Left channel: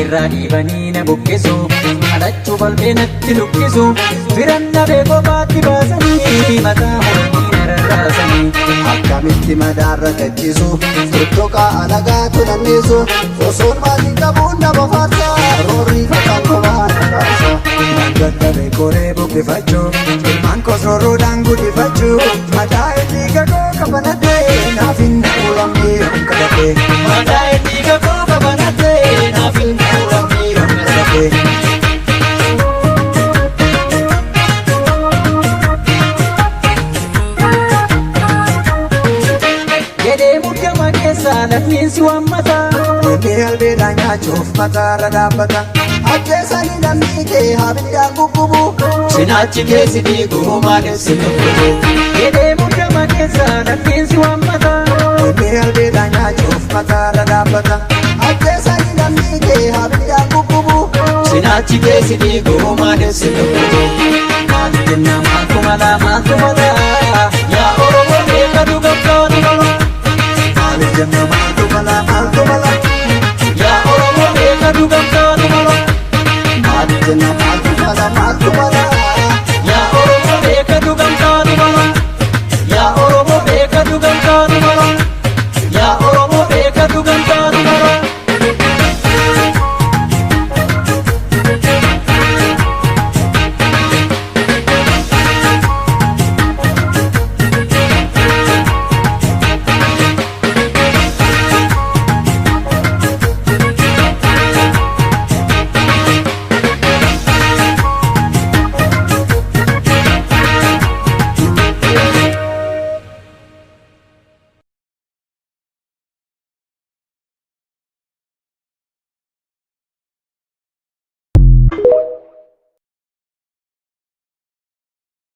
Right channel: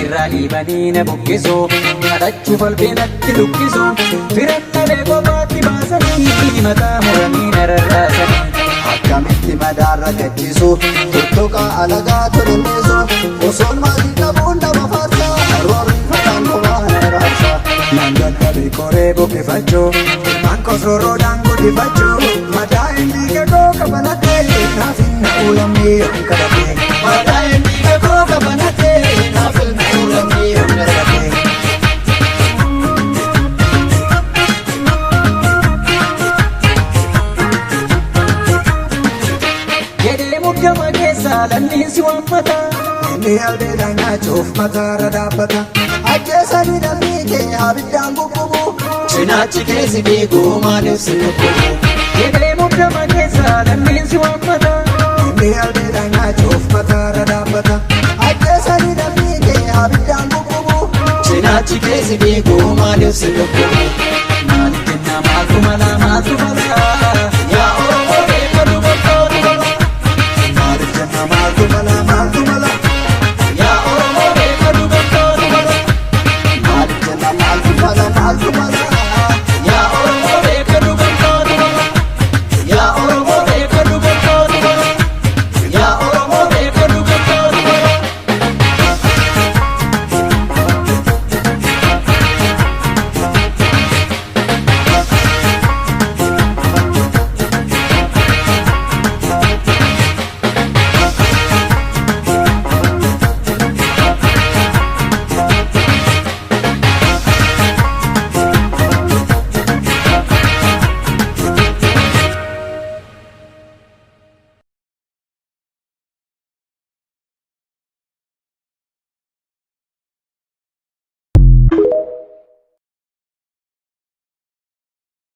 irraa dhiibanii na buqqisu kadhachuuf albeenatti lukkisu firanna beekoo baatti baasanii mataa muranii na rarraasanii akkamitti madaarra gachisu tuttuqaa alagaa tunanneessu osoon maatii qabuun nama faarsa roorri fataan kophaa na raarsa nan dadhabe koree buqqifachuu ilmaan koos roorroodhaan guddifachuu madaa inni gagoo qabanadhee naaf hin na'u lammii yoon kadhadhee madaa inni gagoo qabanadhee naaf hin na'u lammii yoon kadhadhee. Jedhee muddama keessaa lammiinsi waammataa inni albeedhaan nyaachuuf mataarra dhaabbata ajjeesanii lammii kee habiddaan gubbubu cinaachi keessi dhiiguu maaliif si lubbubu. Jedhee muddama keessaa lammiinsi waammataa inni albeedhaan nyaachuuf mataarra dhaabbata ajjeesanii lammii kee habiddaan gubbubu cinaachi keessi dhiiguu maaliif si lubbubu. Maaliif jennaa maaltu malaa maaltu falaa yaa Oromoo beeka dubartoota balaa. Maaliif jennaa maaltu falaa maaltu malaa yaa Oromoo beeka dubartoota balaa. maaliif jennaa maaltu falaa maaltu malaa.